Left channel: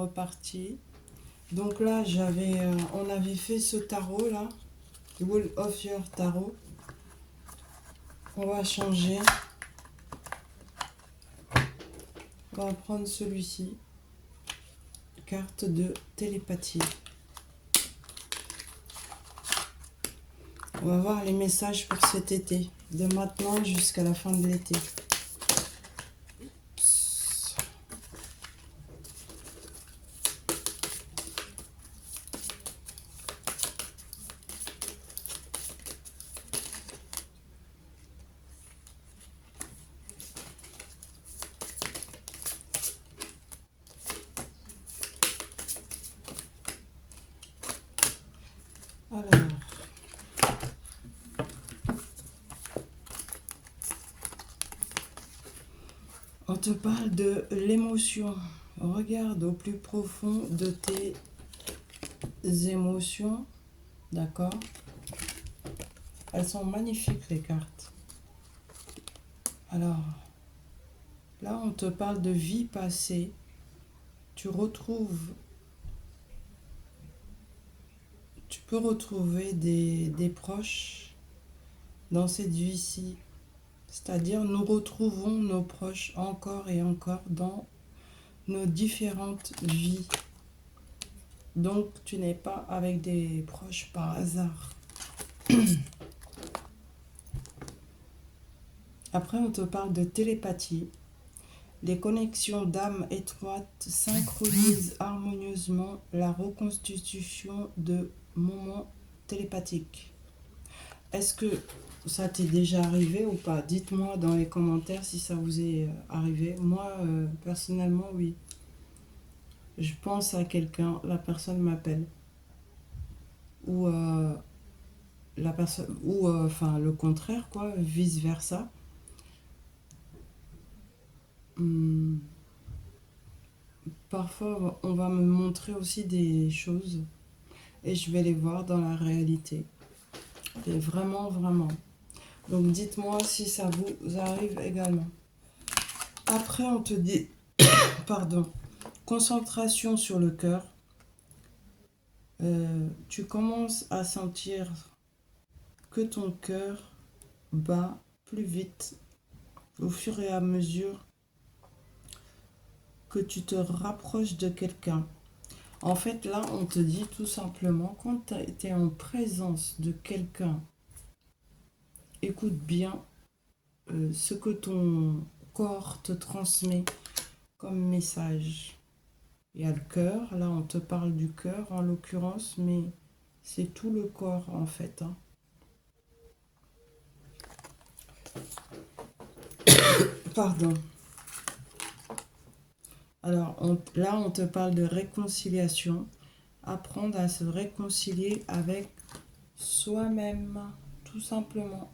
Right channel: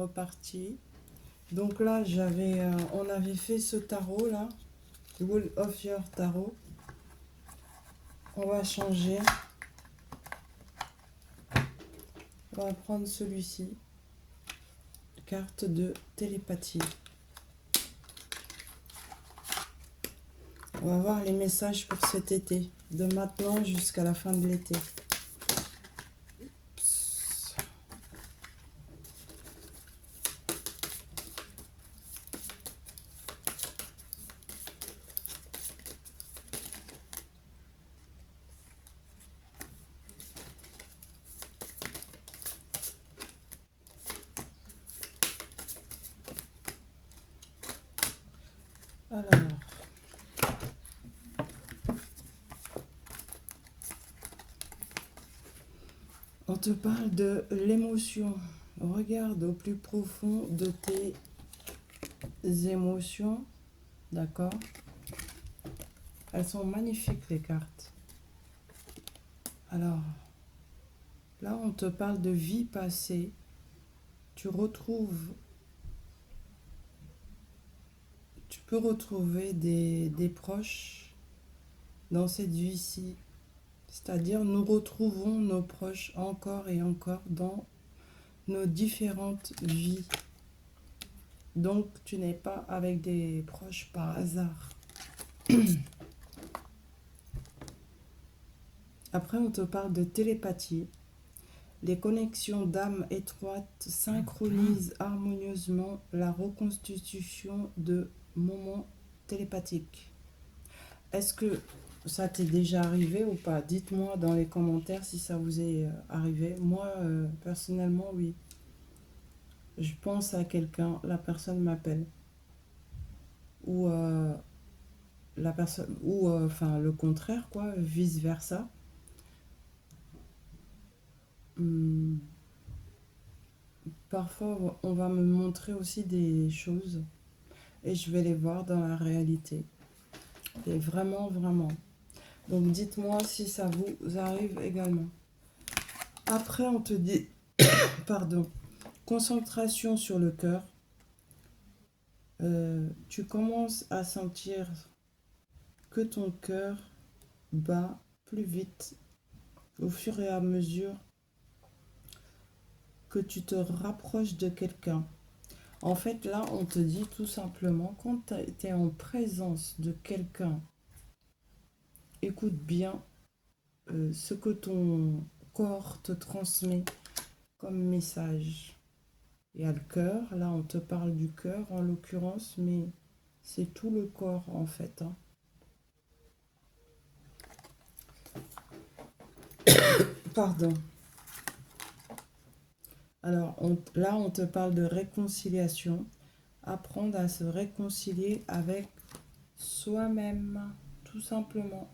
reparti. Donc là, on avait fait ce tarot là, Wall of Your Tarot. On va changer. On va prendre celui-ci. Carte de télépathie. On va voir les messages pour cet été, de maintenant jusqu'à la fin de l'été. Alors, on te parle de l'émotion. Regarde au plus profond de tes émotions. D'accord? Elles sont magnifiques, les cartes. Alors, là, on te parle de vie passée. Tu peux retrouver des proches dans cette vie-ci. C'est-à-dire, nous retrouvons nos proches encore et encore dans nos différentes vies. Donc, tu n'es pas avec des proches par hasard. Après, on te parle de télépathie. Les connexions d'âme étroites synchronisent harmonieusement la reconstitution de moments télépathiques. Est-ce que ça t'est déjà arrivé ou pas? Dites-moi dans les commentaires si ça vous est arrivé. Moi, personnellement, oui. Je pense à quelqu'un, la personne m'appelle. Ou la personne, ou enfin le contraire, quoi, vice-versa. Parfois, on va me montrer aussi des choses et je vais les voir dans la réalité. Et vraiment, vraiment. Donc, dites-moi si ça vous arrive également. Après, on te dit, pardon, concentration sur le cœur. Tu commences à sentir que ton cœur bat plus vite au fur et à mesure que tu te rapproches de quelqu'un. En fait, là, on te dit tout simplement, quand tu es en présence de quelqu'un, écoute bien ce que ton corps te transmet comme message. Il y a le cœur, là on te parle du cœur en l'occurrence, mais c'est tout le corps en fait. Pardon. Alors là on te parle de réconciliation, apprendre à se réconcilier avec soi-même, tout simplement.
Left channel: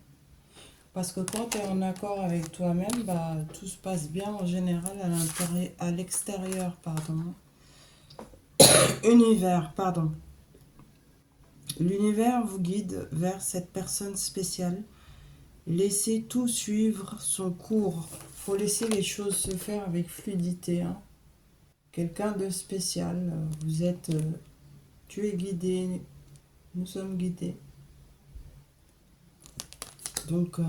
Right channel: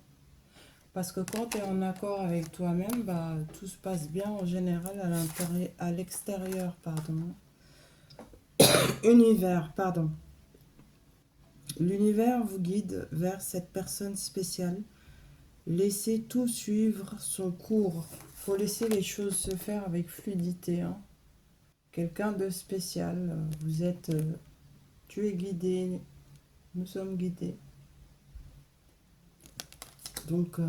Parce que quand tu es en accord avec toi-même, bah, tout se passe bien en général à l'extérieur, pardon. Univers, pardon. L'univers vous guide vers cette personne spéciale. Laissez tout suivre son cours. Il faut laisser les choses se faire avec fluidité. Hein. Quelqu'un de spécial. Vous êtes... tu es guidé. Nous sommes guidés. Donc,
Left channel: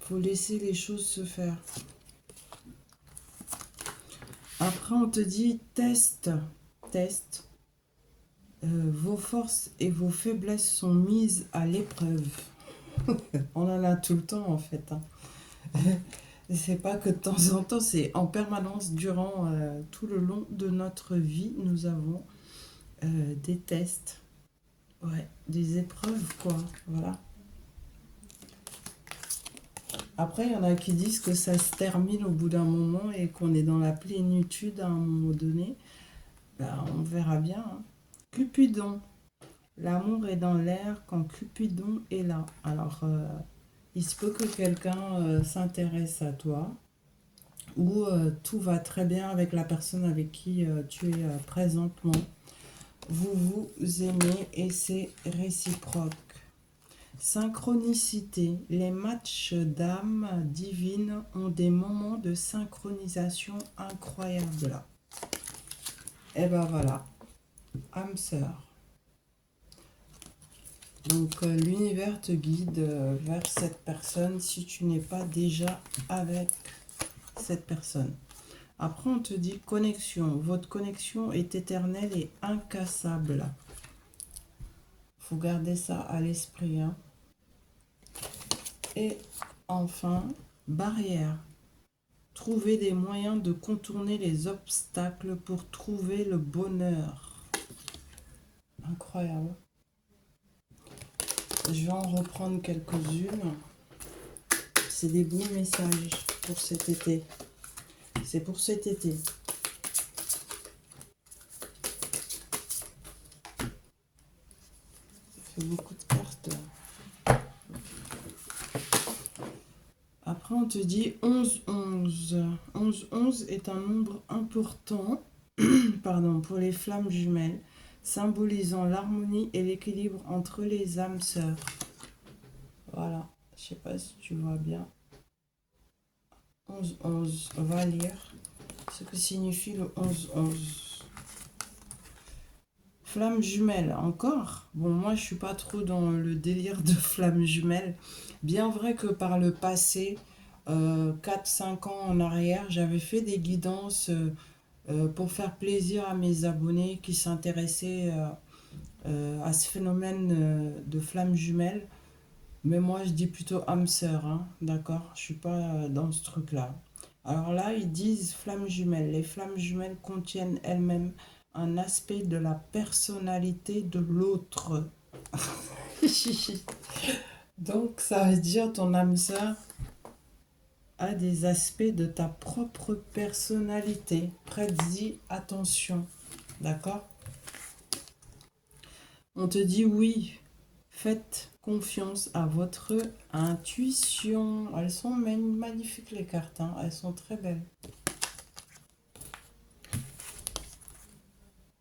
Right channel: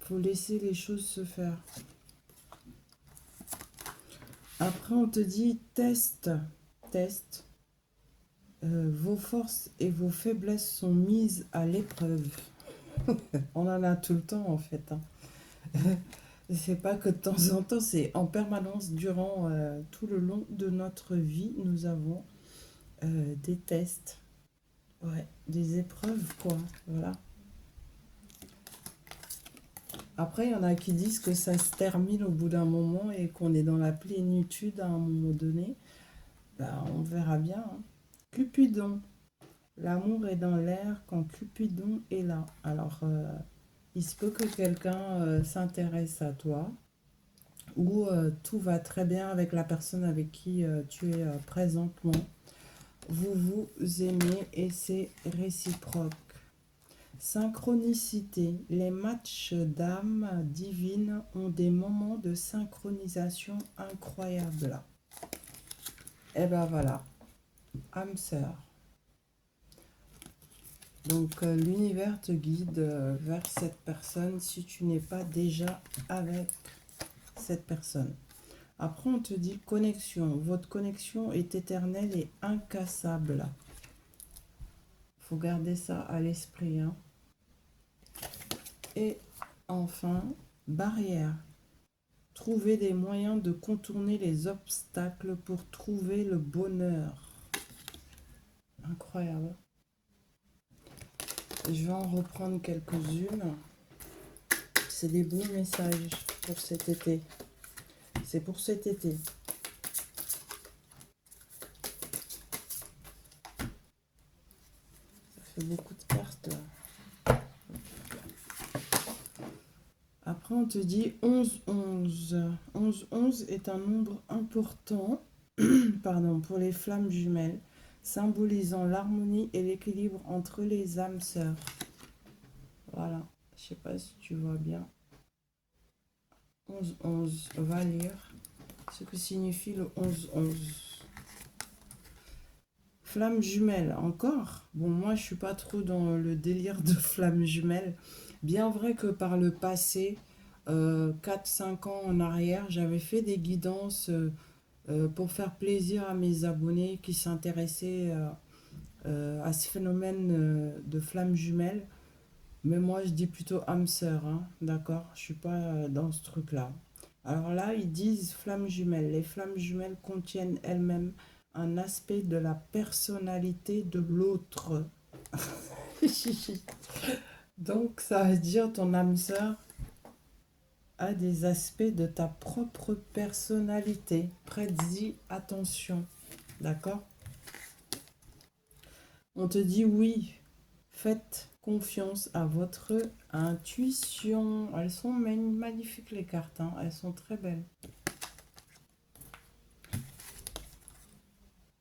faut laisser les choses se faire. Après, on te dit test. Vos forces et vos faiblesses sont mises à l'épreuve. On en a tout le temps en fait. Hein. C'est pas que de temps en temps, c'est en permanence durant tout le long de notre vie, nous avons des tests, ouais, des épreuves quoi. Voilà. Après, il y en a qui disent que ça se termine au bout d'un moment et qu'on est dans la plénitude à un moment donné. Ben, on verra bien. Hein. Cupidon. L'amour est dans l'air quand Cupidon est là. Alors, il se peut que quelqu'un s'intéresse à toi ou tout va très bien avec la personne avec qui tu es présentement. Vous vous aimez et c'est réciproque. Synchronicité. Les matchs d'âmes divines ont des moments de synchronisation incroyables. Et ben voilà, âme sœur. Donc l'univers te guide vers cette personne si tu n'es pas déjà avec cette personne. Après on te dit connexion. Votre connexion est éternelle et incassable. Faut garder ça à l'esprit. Hein. Et enfin, barrière. Trouver des moyens de contourner les obstacles pour trouver le bonheur. Incroyable. Je vais en reprendre quelques-unes. C'est des beaux messages pour cet été. C'est pour cet été. Ça fait beaucoup de cartes. Après, on te dit 11-11. 11-11 est un nombre important pardon, pour les flammes jumelles, symbolisant l'harmonie et l'équilibre entre les âmes sœurs. Voilà, je sais pas si tu vois bien. 11-11, on va lire ce que signifie le 11-11. Flamme jumelle, encore. Bon, moi, je suis pas trop dans le délire de flamme jumelle. Bien vrai que par le passé, 4-5 ans en arrière, j'avais fait des guidances pour faire plaisir à mes abonnés qui s'intéressaient à ce phénomène de flamme jumelle. Mais moi, je dis plutôt âme sœur, hein, d'accord? Je suis pas dans ce truc-là. Alors là, ils disent flammes jumelles. Les flammes jumelles contiennent elles-mêmes un aspect de la personnalité de l'autre. Donc, ça veut dire ton âme sœur a des aspects de ta propre personnalité. Prête-y attention, d'accord? On te dit oui, faites confiance à votre intuition. Elles sont magnifiques les cartes, hein. Elles sont très belles.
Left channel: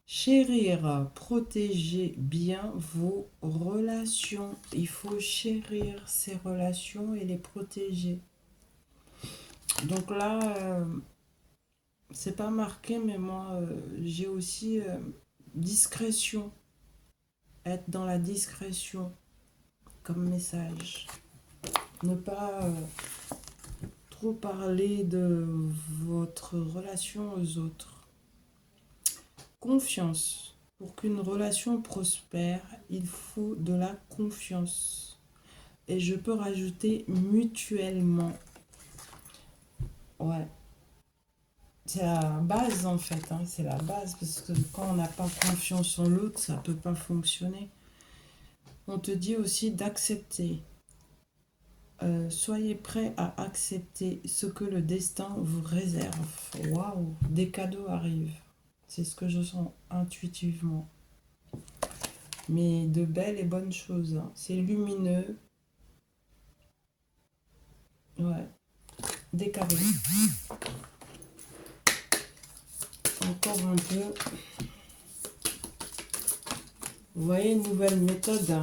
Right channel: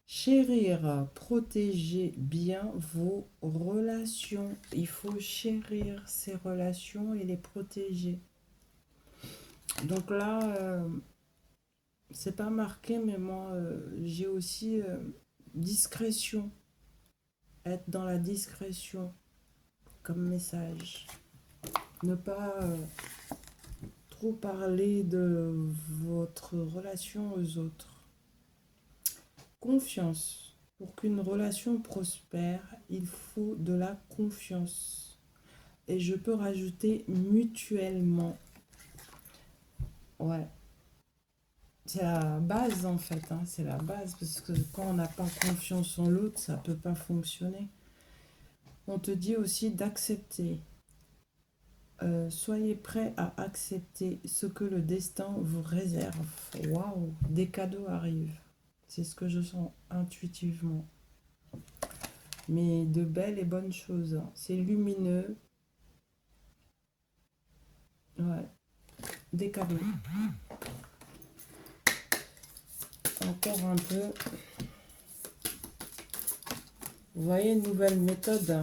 Chérir, protéger bien vos relations. Il faut chérir ces relations et les protéger. Donc là, c'est pas marqué, mais moi, j'ai aussi discrétion. Être dans la discrétion comme message. Ne pas trop parler de votre relation aux autres. Confiance. Pour qu'une relation prospère, il faut de la confiance. Et je peux rajouter mutuellement. Ouais. C'est la base en fait, hein. C'est la base parce que quand on n'a pas confiance en l'autre, ça ne peut pas fonctionner. On te dit aussi d'accepter. Soyez prêts à accepter ce que le destin vous réserve. Waouh, des cadeaux arrivent. C'est ce que je sens intuitivement. Mais de belles et bonnes choses. Hein. C'est lumineux. Ouais. Des cadeaux. Encore un peu. Vous voyez, une nouvelle méthode.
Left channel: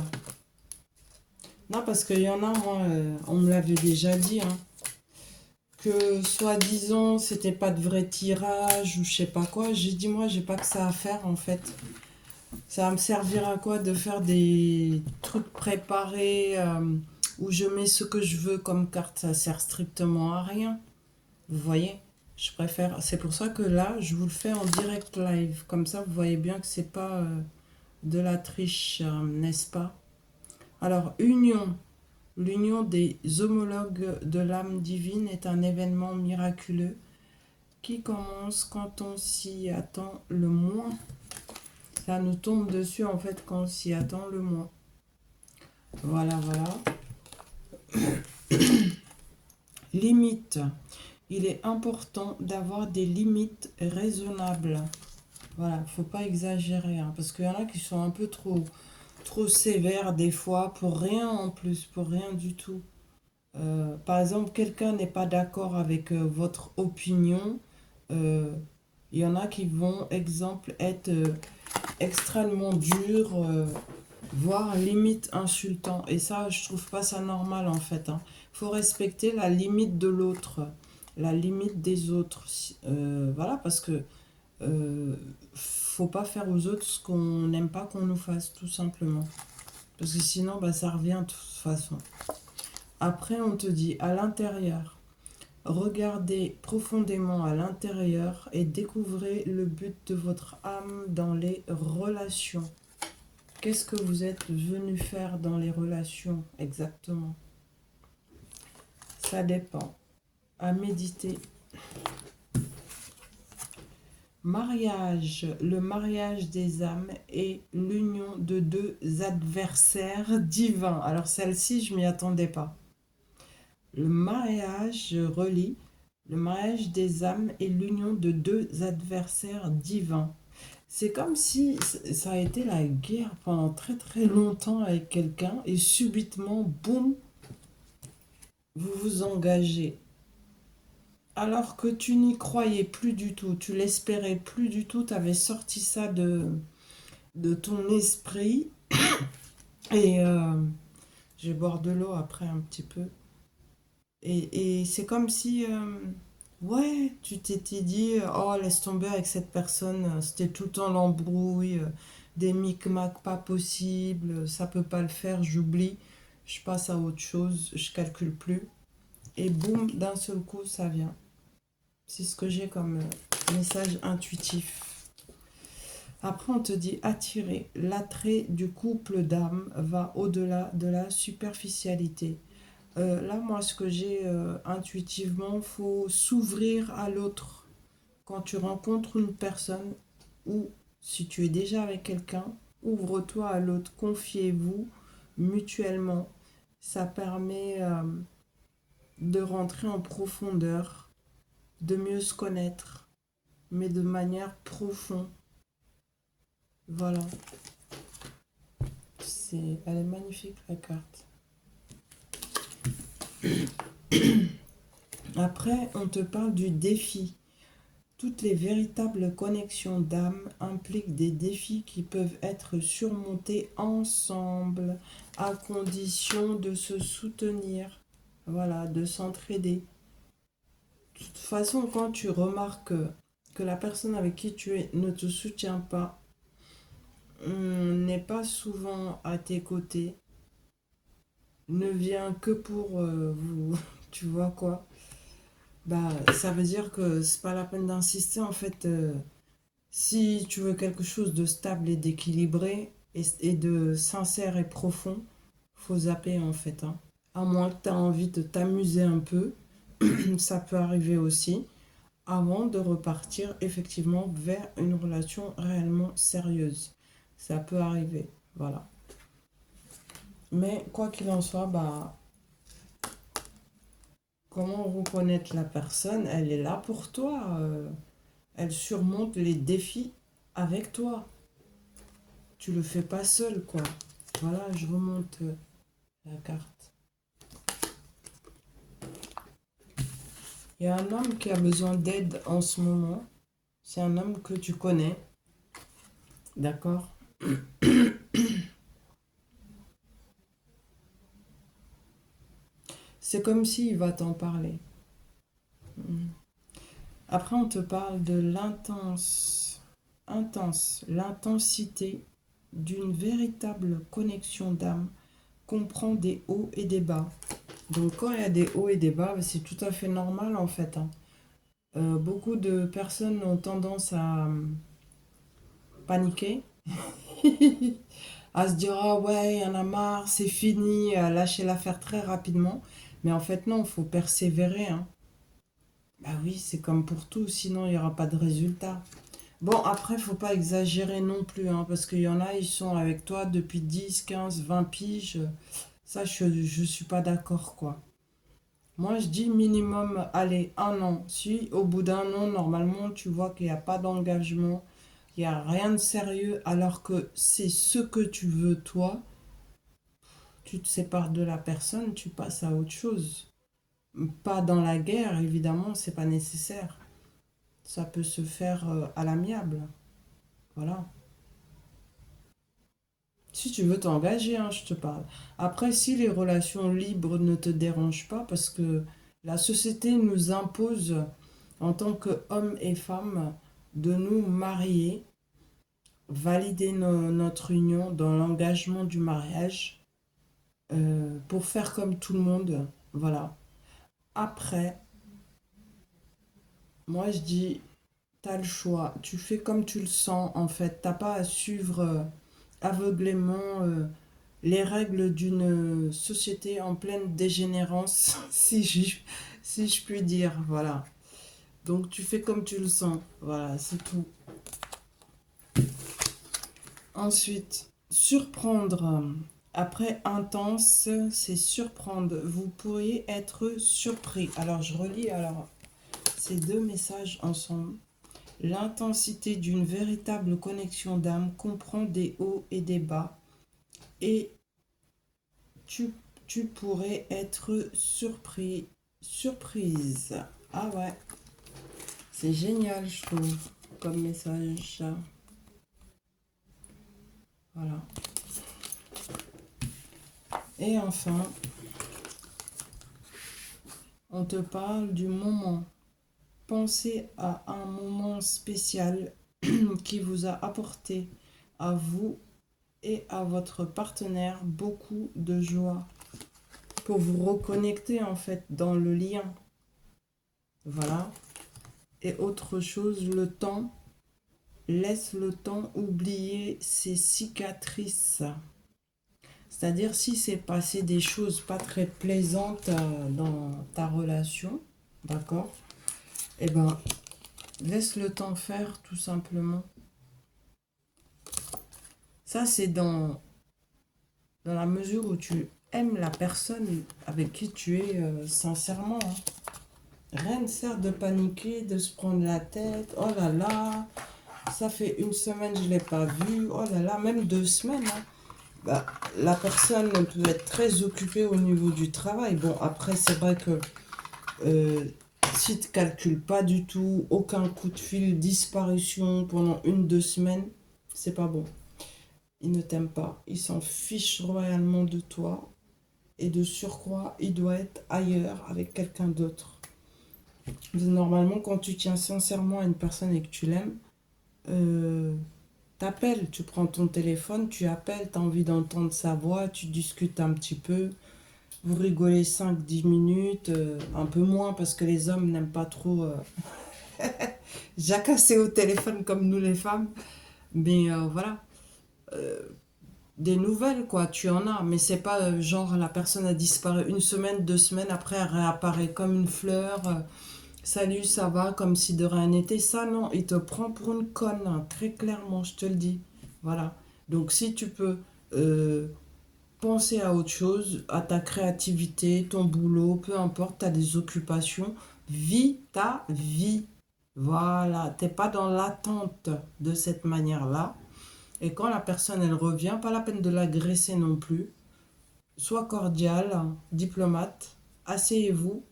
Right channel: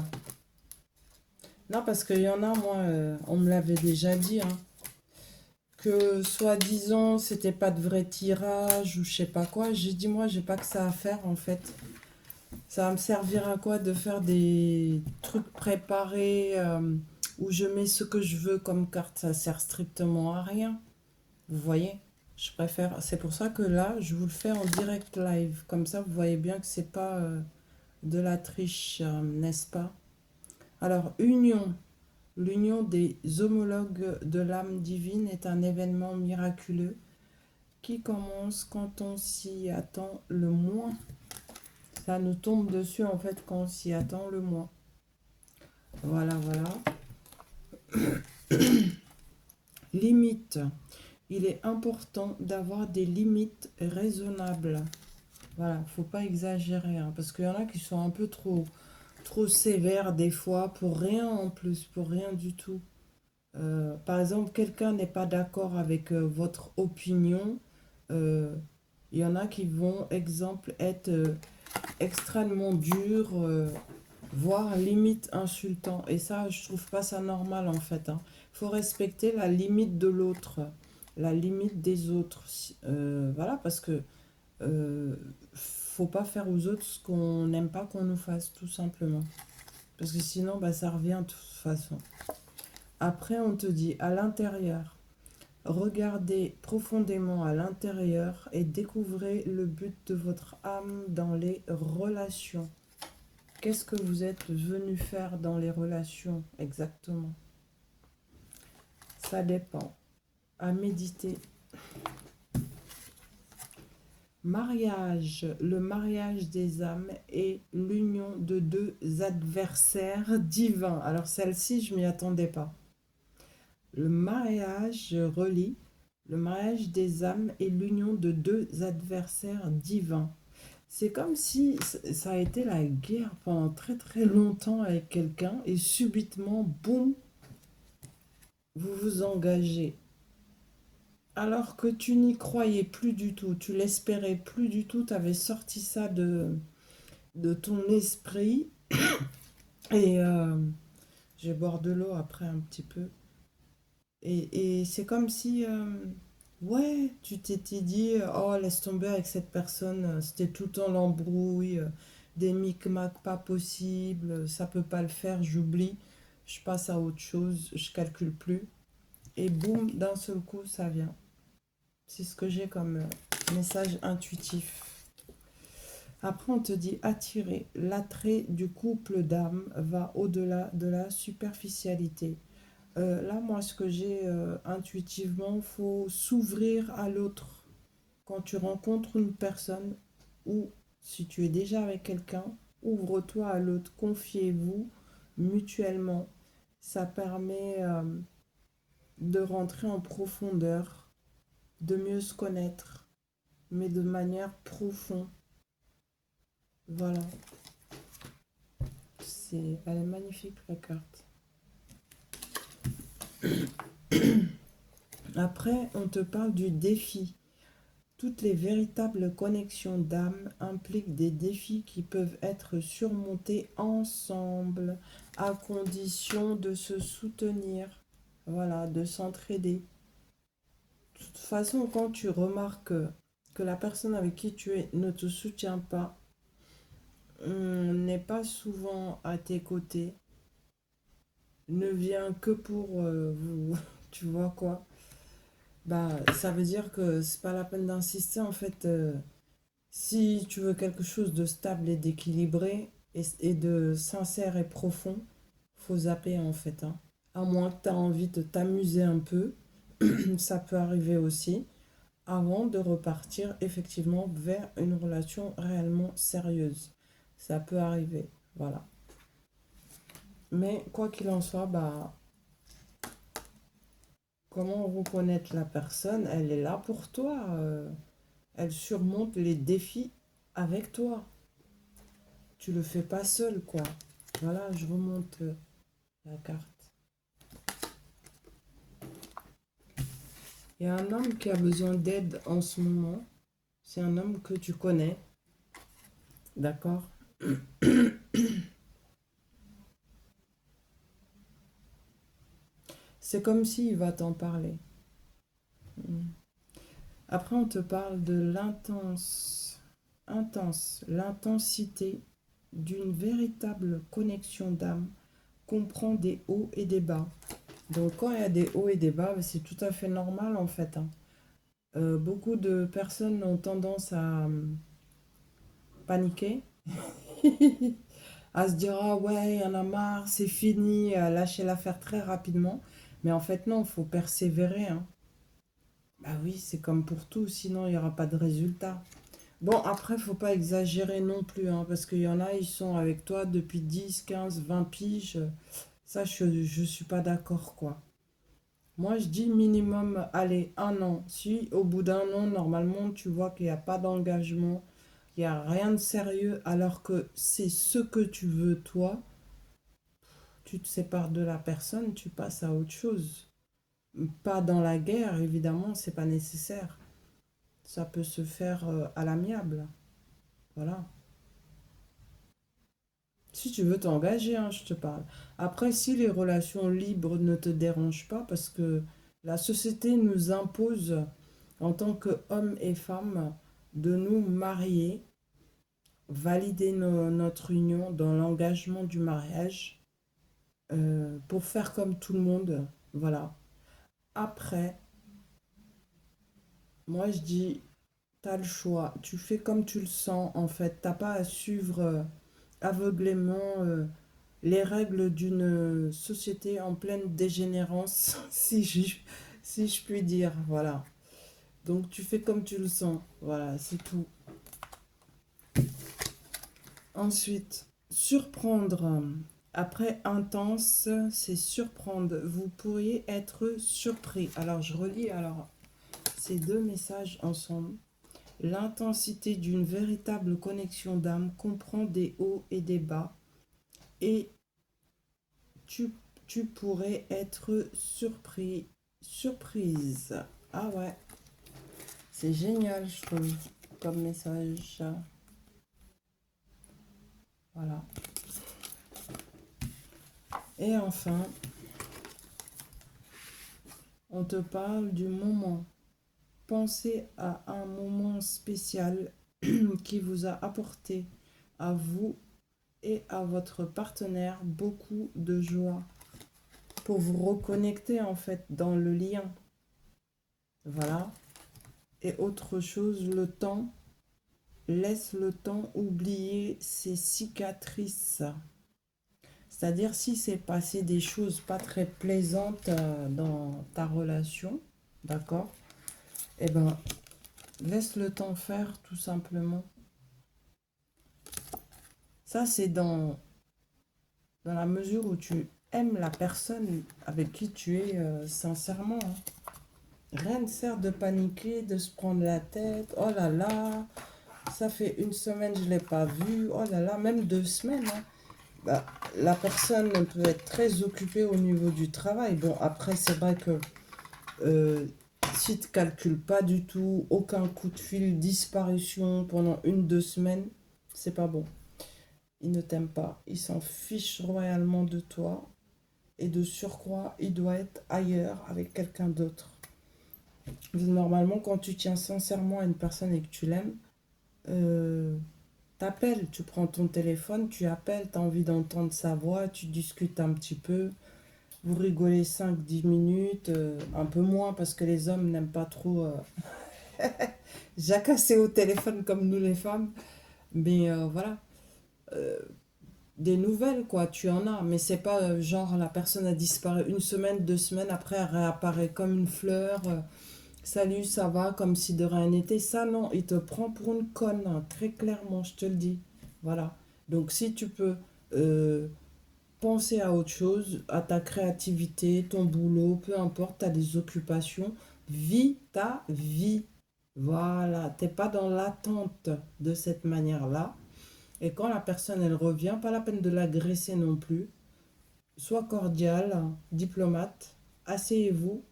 Non, parce qu'il y en a, moi, on me l'avait déjà dit, hein, que soi-disant, c'était pas de vrai tirage ou je sais pas quoi. J'ai dit, moi, j'ai pas que ça à faire, en fait. Ça va me servir à quoi de faire des trucs préparés où je mets ce que je veux comme carte. Ça sert strictement à rien. Vous voyez? Je préfère. C'est pour ça que là, je vous le fais en direct live. Comme ça, vous voyez bien que c'est pas de la triche, n'est-ce pas? Alors, union. L'union des homologues de l'âme divine est un événement miraculeux qui commence quand on s'y attend le moins. Ça nous tombe dessus en fait quand on s'y attend le moins. Voilà, voilà. Limite. Il est important d'avoir des limites raisonnables. Voilà, faut pas exagérer, hein, parce qu'il y en a qui sont un peu trop sévères des fois, pour rien en plus, pour rien du tout. Par exemple, quelqu'un n'est pas d'accord avec votre opinion. euh, Il y en a qui vont, exemple, être extrêmement durs, voire limite insultants. Et ça, je trouve pas ça normal en fait. Hein. Faut respecter la limite de l'autre, la limite des autres. Voilà, parce que Faut pas faire aux autres ce qu'on n'aime pas qu'on nous fasse, tout simplement. Parce que sinon, bah, ça revient de toute façon. Après, on te dit à l'intérieur. Regardez profondément à l'intérieur et découvrez le but de votre âme dans les relations. Qu'est-ce que vous êtes venu faire dans les relations exactement? Ça dépend. À méditer. Mariage. Le mariage des âmes est l'union de deux adversaires divins. Alors celle-ci, je m'y attendais pas. Le mariage, je relis. Le mariage des âmes est l'union de deux adversaires divins. C'est comme si ça a été la guerre pendant très très longtemps avec quelqu'un et subitement, boum, vous vous engagez. Alors que tu n'y croyais plus du tout, tu l'espérais plus du tout, tu avais sorti ça de ton esprit. Et je vais boire de l'eau après un petit peu. Et c'est comme si, ouais, tu t'étais dit, oh, laisse tomber avec cette personne, c'était tout le temps l'embrouille, des micmacs pas possibles, ça peut pas le faire, j'oublie, je passe à autre chose, je calcule plus. Et boum, d'un seul coup, ça vient. C'est ce que j'ai comme message intuitif. Après, on te dit attirer. L'attrait du couple d'âmes va au-delà de la superficialité. Là, moi, ce que j'ai intuitivement, faut s'ouvrir à l'autre. Quand tu rencontres une personne ou si tu es déjà avec quelqu'un, ouvre-toi à l'autre. Confiez-vous mutuellement. Ça permet de rentrer en profondeur, de mieux se connaître, mais de manière profonde. Voilà. Elle est magnifique, la carte. Après, on te parle du défi. Toutes les véritables connexions d'âme impliquent des défis qui peuvent être surmontés ensemble, à condition de se soutenir, voilà, de s'entraider. De toute façon, quand tu remarques que la personne avec qui tu es ne te soutient pas, n'est pas souvent à tes côtés, ne vient que pour vous, tu vois quoi, bah ça veut dire que c'est pas la peine d'insister en fait. Si tu veux quelque chose de stable et d'équilibré et de sincère et profond, faut zapper en fait, hein. À moins que tu as envie de t'amuser un peu, ça peut arriver aussi, avant de repartir effectivement vers une relation réellement sérieuse. Ça peut arriver, voilà. Mais quoi qu'il en soit, bah, comment reconnaître la personne? Elle est là pour toi. Elle surmonte les défis avec toi. Tu le fais pas seul, quoi. Voilà, je remonte la carte. Il y a un homme qui a besoin d'aide en ce moment. C'est un homme que tu connais. D'accord? C'est comme s'il va t'en parler. Mm. Après, on te parle de l'intensité d'une véritable connexion d'âme comprend des hauts et des bas. Donc quand il y a des hauts et des bas, c'est tout à fait normal en fait, hein. Beaucoup de personnes ont tendance à paniquer, à se dire ah ouais, il y en a marre, c'est fini, à lâcher l'affaire très rapidement. Mais en fait non, il faut persévérer, hein. Bah oui, c'est comme pour tout, sinon il n'y aura pas de résultat. Bon, après, faut pas exagérer non plus, hein, parce qu'il y en a, ils sont avec toi depuis 10, 15, 20 piges. Ça, je suis pas d'accord, quoi. Moi, je dis minimum, allez, un an. Si au bout d'un an, normalement, tu vois qu'il n'y a pas d'engagement, il n'y a rien de sérieux, alors que c'est ce que tu veux, toi, tu te sépares de la personne, tu passes à autre chose. Pas dans la guerre, évidemment, c'est pas nécessaire. Ça peut se faire à l'amiable. Voilà. Si tu veux t'engager, hein, je te parle. Après, si les relations libres ne te dérangent pas, parce que la société nous impose, en tant qu'hommes et femmes, de nous marier, valider notre union dans l'engagement du mariage, pour faire comme tout le monde. Voilà. Après, moi je dis, t'as le choix. Tu fais comme tu le sens en fait. T'as pas à suivre aveuglément les règles d'une société en pleine dégénérance, si je puis dire. Voilà. Donc tu fais comme tu le sens. Voilà, c'est tout. Ensuite, surprendre. Après intense, c'est surprendre. Vous pourriez être surpris. Alors je relis ces deux messages ensemble. L'intensité d'une véritable connexion d'âme comprend des hauts et des bas. Et tu, tu pourrais être surpris, surprise. Ah ouais, c'est génial, je trouve, comme message. Voilà. Et enfin, on te parle du moment. Pensez à un moment spécial qui vous a apporté à vous et à votre partenaire beaucoup de joie pour vous reconnecter en fait dans le lien. Voilà. Et autre chose, le temps. Laisse le temps oublier ses cicatrices. C'est-à-dire si c'est passé des choses pas très plaisantes dans ta relation, d'accord? Eh ben, laisse le temps faire tout simplement. Ça, c'est dans la mesure où tu aimes la personne avec qui tu es sincèrement. Rien ne sert de paniquer, de se prendre la tête. Oh là là, ça fait une semaine, je ne l'ai pas vu. Oh là là, même 2 semaines. Bah, la personne peut être très occupée au niveau du travail. Bon, après, c'est vrai que si tu ne calcules pas du tout, aucun coup de fil, disparition pendant 1, 2 semaines, c'est pas bon. Il ne t'aime pas, il s'en fiche royalement de toi. Et de surcroît, il doit être ailleurs avec quelqu'un d'autre. Normalement, quand tu tiens sincèrement à une personne et que tu l'aimes, t'appelles, tu prends ton téléphone, tu appelles, tu as envie d'entendre sa voix, tu discutes un petit peu, vous rigolez 5 10 minutes, un peu moins parce que les hommes n'aiment pas trop jacasser au téléphone comme nous les femmes. Mais voilà, euh, des nouvelles quoi, tu en as, mais c'est pas genre la personne a disparu 1 semaine, 2 semaines, après elle réapparaît comme une fleur. Salut, ça va, comme si de rien n'était. Ça, non, il te prend pour une conne, hein, très clairement, je te le dis. Voilà. Donc, si tu peux penser à autre chose, à ta créativité, ton boulot, peu importe, tu as des occupations, vis ta vie. Voilà. T'es pas dans l'attente de cette manière-là. Et quand la personne, elle revient, pas la peine de l'agresser non plus. Sois cordial, diplomate, asseyez-vous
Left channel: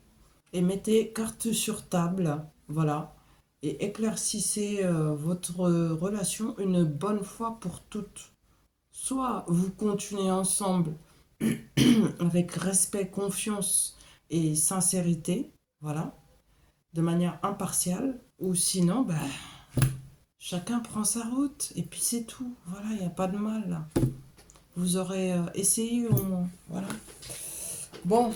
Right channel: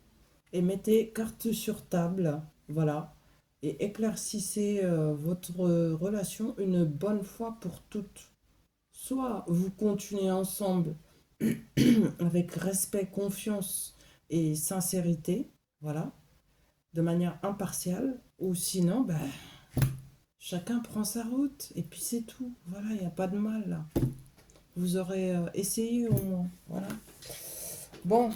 et mettez carte sur table, voilà, et éclaircissez votre relation une bonne fois pour toutes. Soit vous continuez ensemble avec respect, confiance et sincérité, voilà, de manière impartiale, ou sinon, ben, chacun prend sa route, et puis c'est tout, voilà, il n'y a pas de mal là. Vous aurez essayé au moins, voilà. Bon,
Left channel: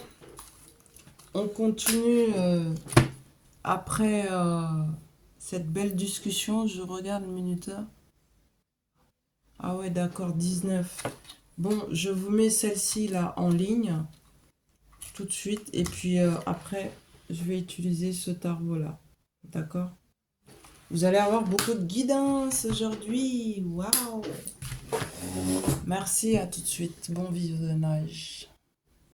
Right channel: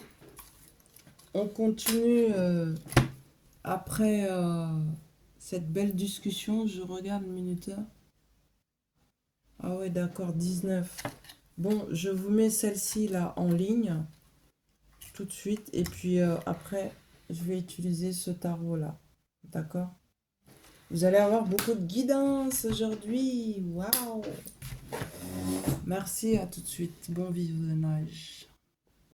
on continue après cette belle discussion. Je regarde le minuteur. Ah ouais, d'accord, 19. Bon, je vous mets celle-ci là en ligne tout de suite. Et puis après, je vais utiliser ce tarot là. D'accord? Vous allez avoir beaucoup de guidance aujourd'hui. Waouh! Merci, à tout de suite. Bon visionnage.